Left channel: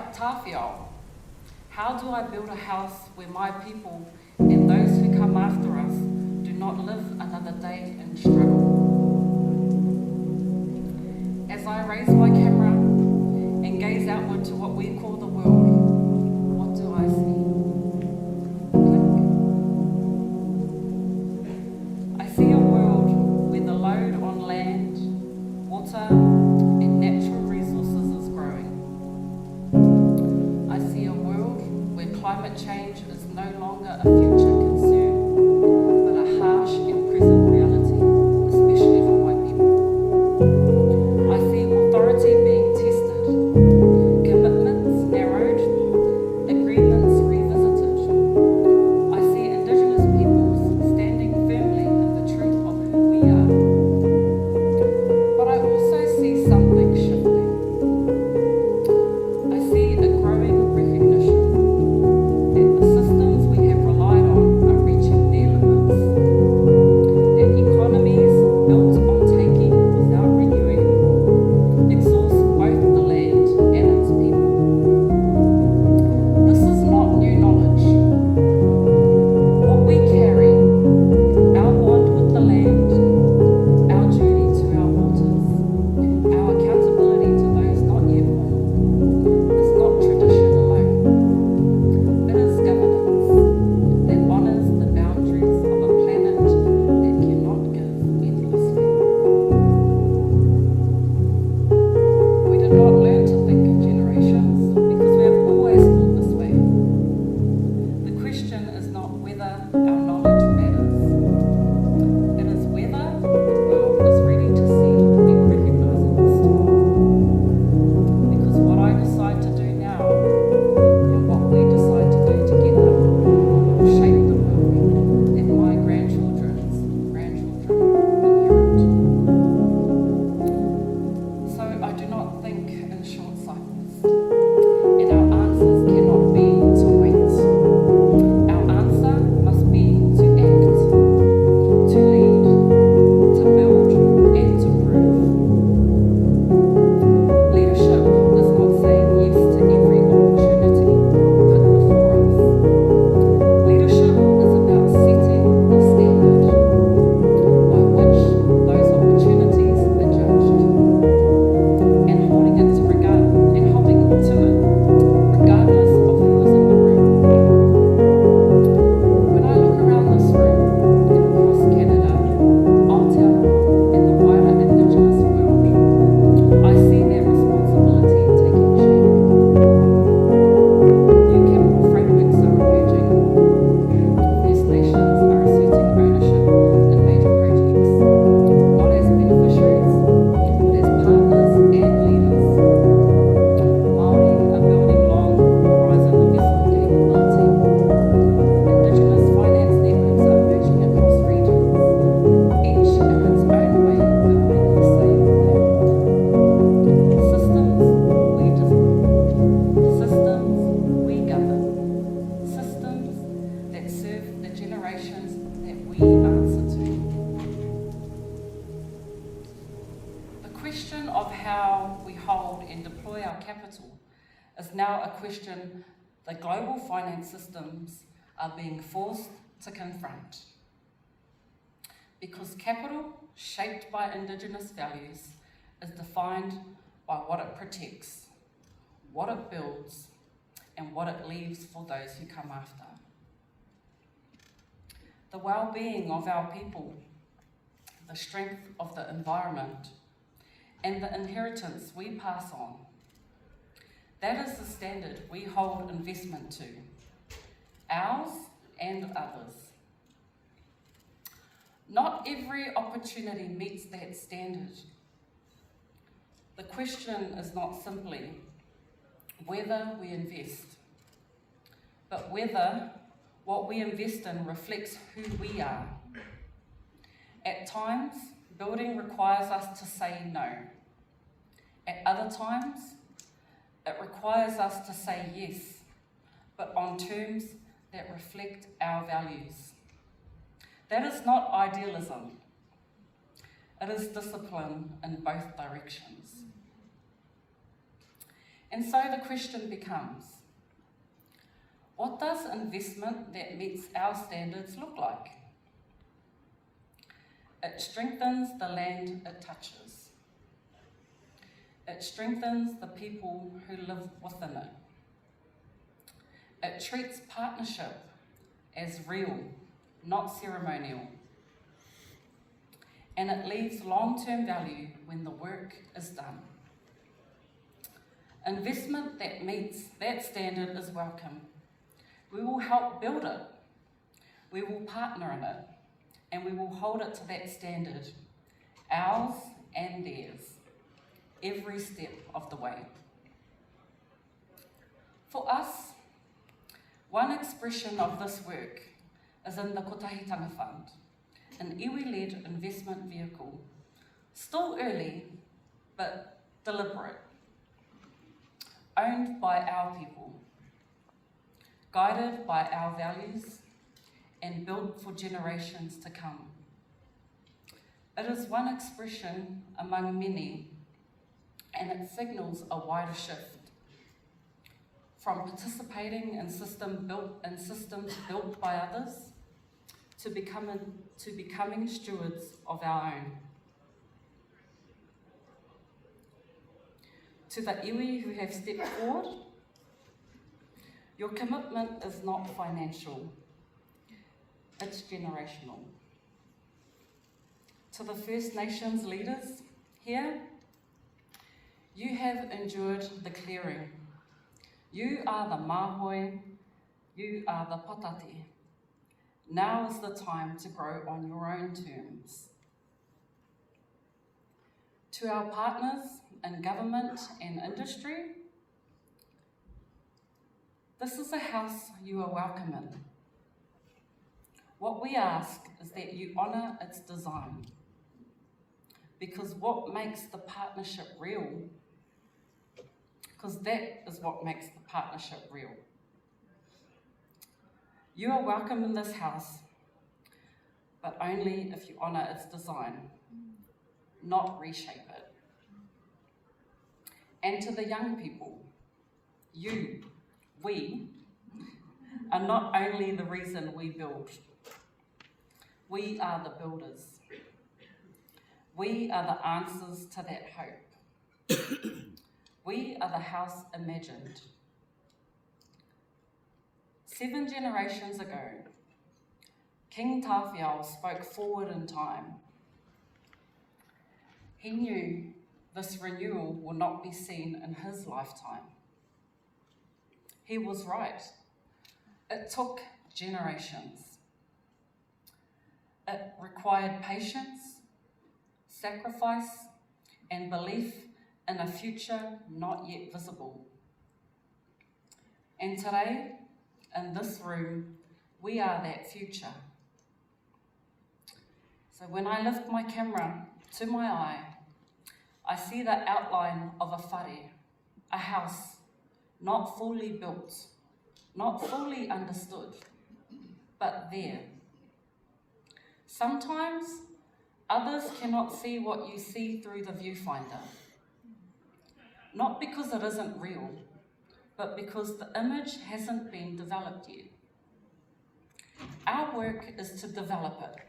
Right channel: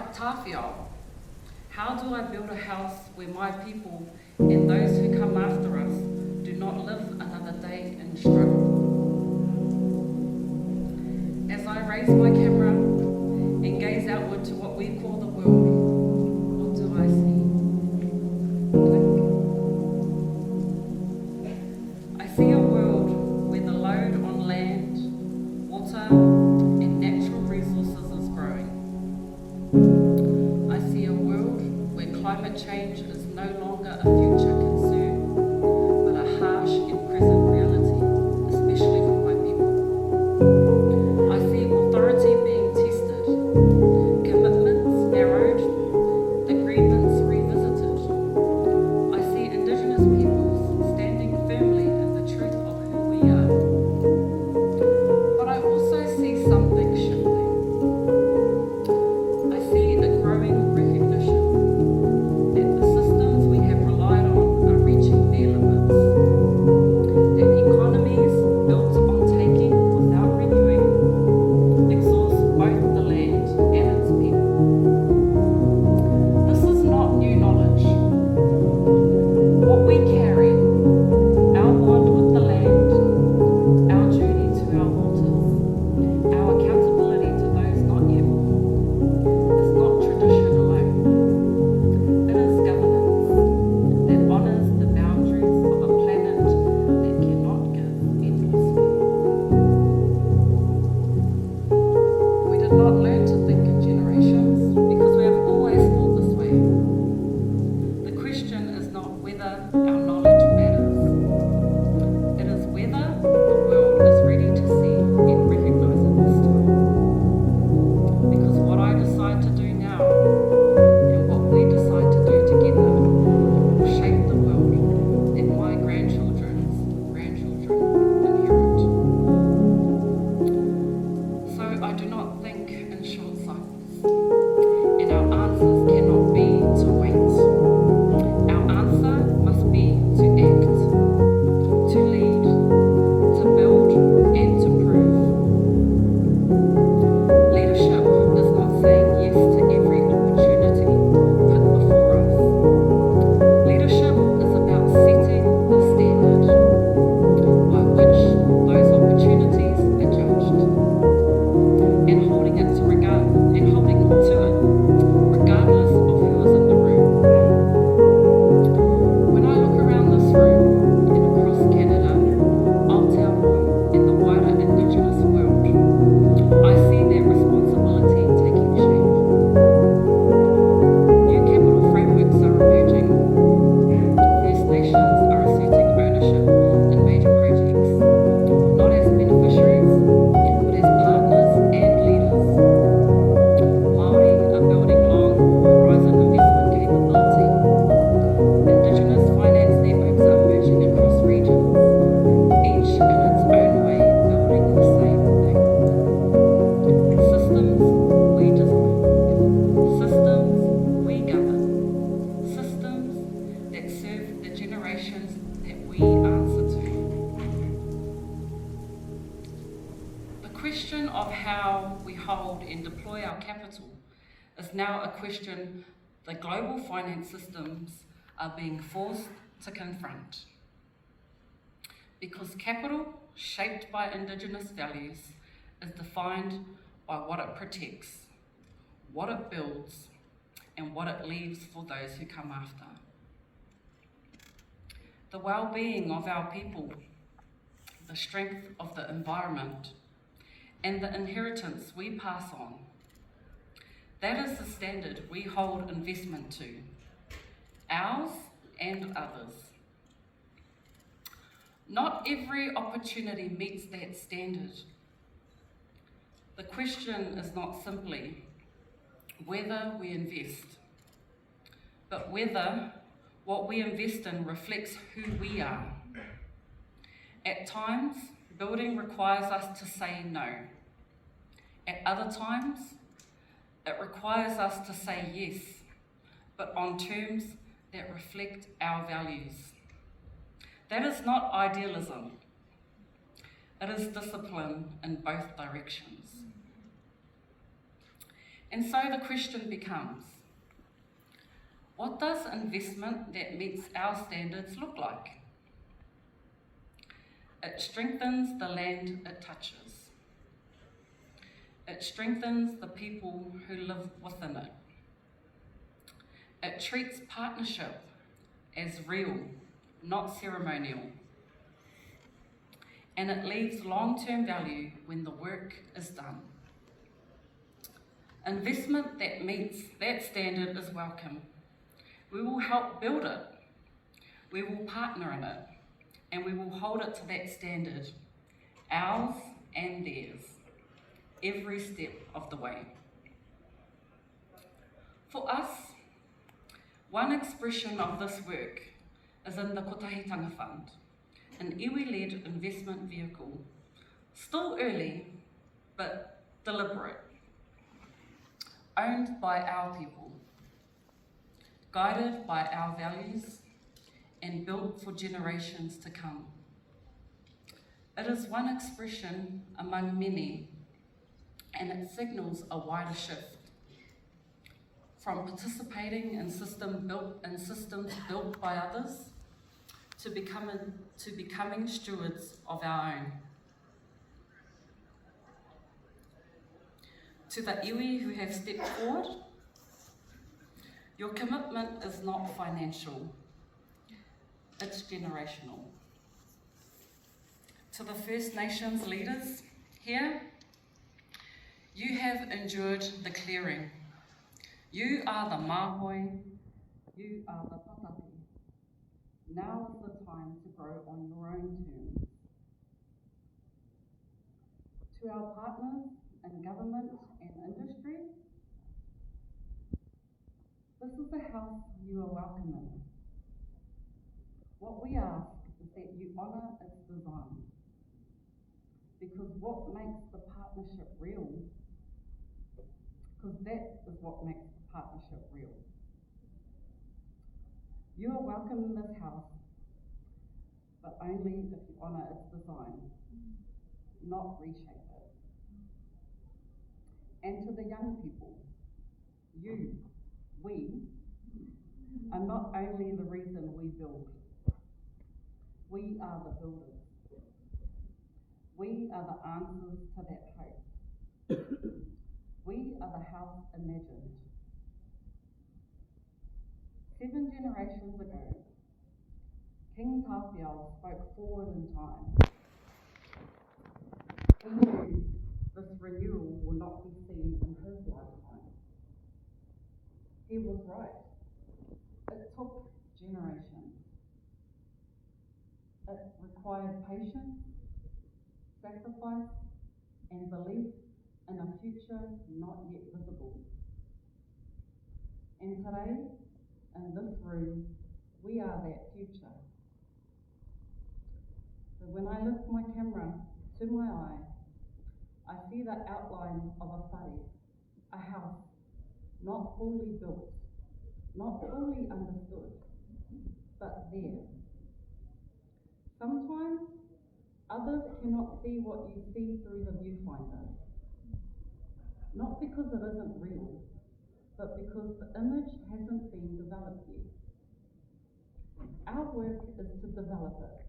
like Tawhiao, how do I build a house where my people and those who come after us do not live another day in struggle? As I raise my camera and gaze outward to what we call the world, what do I see? I see a world where the load on land, water, and natural resources is growing. I see a world where climate change is no longer a future concern, but a harsh and present reality, especially for my people. I see authority being tested, commitments narrowed, agreements revisited. I see Indigenous peoples standing firmly in the truth of who we are. But I also see something shifting. I see a growing recognition that the systems we have relied on are reaching their limits, that economies built on taking without renewing exhaust both the land and its people. This is not new knowledge. What we carry, our bond with the land, our journey to our waters, our accountability to those not yet born, is not tradition alone. It is governance that honours the boundaries of a planet that cannot give endlessly. We did not learn to think in generations because we have always thought this way. The question is not whether our knowledge matters. It is whether the world is ready to see and recognise it this time. Because what I decide to do now and what we decide to do together will shape the world that my grandchildren's grandchildren inherit. So I do not think in short cycles, and our answers cannot be to wait. Our answer must be to act, to lead, to build, and to prove. Leadership is not saying yes to every opportunity put before us. Leadership is about setting the standard by which those opportunities are judged, and holding it to it, regardless of who is in the room. When I look around this room and across Canada, Aotearoa, and the wider Indigenous world, I see that responsibility taking shape. New capital frameworks are emerging. First Nations are asserting ownership in major projects, not as beneficiaries, but as partners and leaders. Maori are building long horizon investment capability. Indigenous finance networks are emerging across regions, each in its own way building the same thing. Systems we design, systems we govern, systems that serve the generations that we answer to. The question of how we hold and deploy our capital is now a question the global finance systems are being forced to confront. Because capital, shaped by Indigenous values, is defined by what it protects, what it builds, and what it leaves for those who come after. The well-being of our people, the strength of the environment, and the inheritance we pass on. That is the standard we hold investment to, ours and others. Not every opportunity meets that standard. The question is not simply whether we invest, but whether what we invest in reflects who we are. At times, building requires us to say no. At other times, it requires us to say yes, but on terms that reflect our values. That is not idealism. It is discipline in both directions. And so the question becomes, what does investment that meets our standards look like? It strengthens the land it touches. It strengthens the people who live within it. It treats partnership as real, not ceremonial. And it leaves long-term value when the work is done. Investment that meets that standard is welcome. We will help build it. We will partner in it. And we will hold it to that standard, ours and theirs, every step of the way. For us, one expression of this work is in the Kotahitanga Fund, an iwi-led investment vehicle, still early but deliberate, owned by our people, guided by our values, and built for generations to come. It is one expression among many, and it signals a wider shift from participating in systems built by others to becoming stewards of our own. To the iwi who have stepped forward, your commitment is not financial. It's generational. To the First Nations leaders here, you have endured the clearing. You are the mahoi, you are the potati. Now is the time to grow on your own terms. To our partners in government and industry, this is a house you are welcome in. What we ask is that you honour its design, because what makes the partnership real, because that is what makes the partnership real. You are welcome in this house, but only if you honour its design, not reshape it. And to the young people, we are not only the reason we build. We are the builders. We are the answers to that hope. We are the house imagined. 7 generations ago, King Tawhiao spoke forward in time. He knew this renewal will not be seen in his lifetime. He was right. It took generations. It required patience, sacrifice, and belief in a future not yet visible. And today, in this room, we are that future. So when I lift my camera to my eye, I see the outline of a whare, a house, not fully built, not fully understood, but there. Sometimes others cannot see what you see through the viewfinder, not because it isn't real, but because the image hasn't been developed yet. Our work is to develop it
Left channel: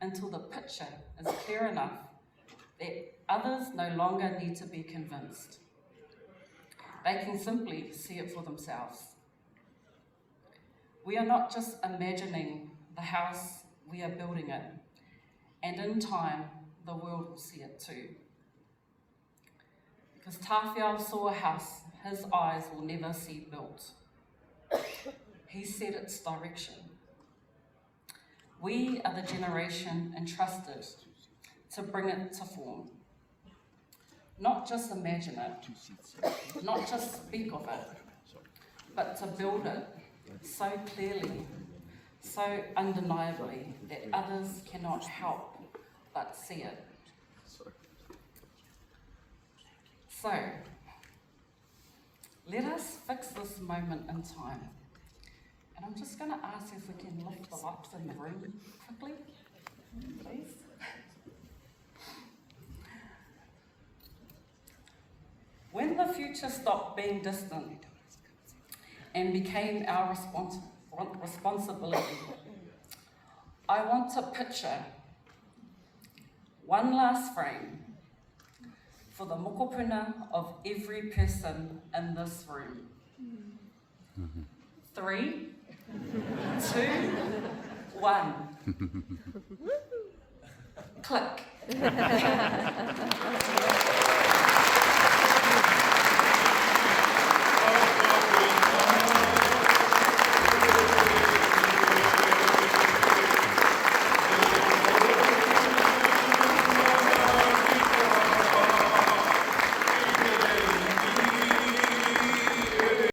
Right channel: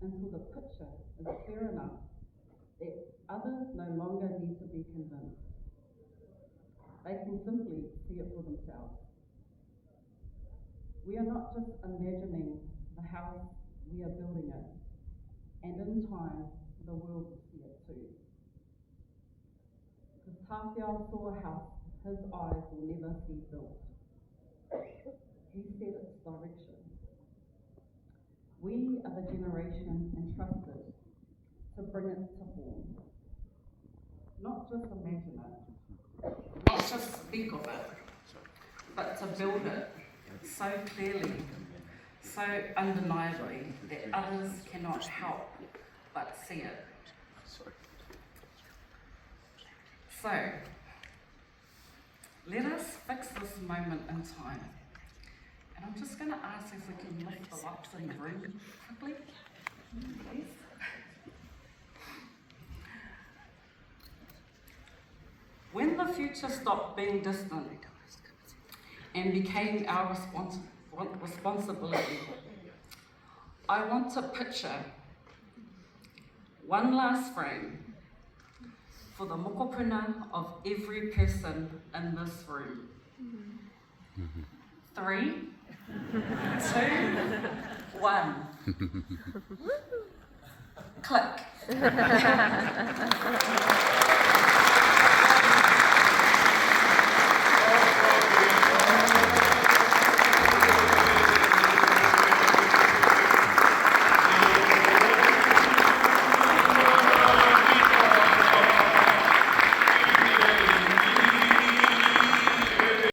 until the picture is clear enough that others no longer need to be convinced. They can simply see it for themselves. We are not just imagining the house, we are building it, and in time, the world will see it too. Because Tawhiao saw a house his eyes will never see built. He set its direction. We are the generation entrusted to bring it to form. Not just imagine it, not just speak of it, but to build it so clearly, so undeniably that others cannot help but see it. So, let us fix this moment in time. And I'm just going to ask if we can lift the lights in the room quickly, please. When the future stopped being distant and became our responsibility, I want to picture one last frame for the mokopuna of every person in this room. 3, 2, 1. Click.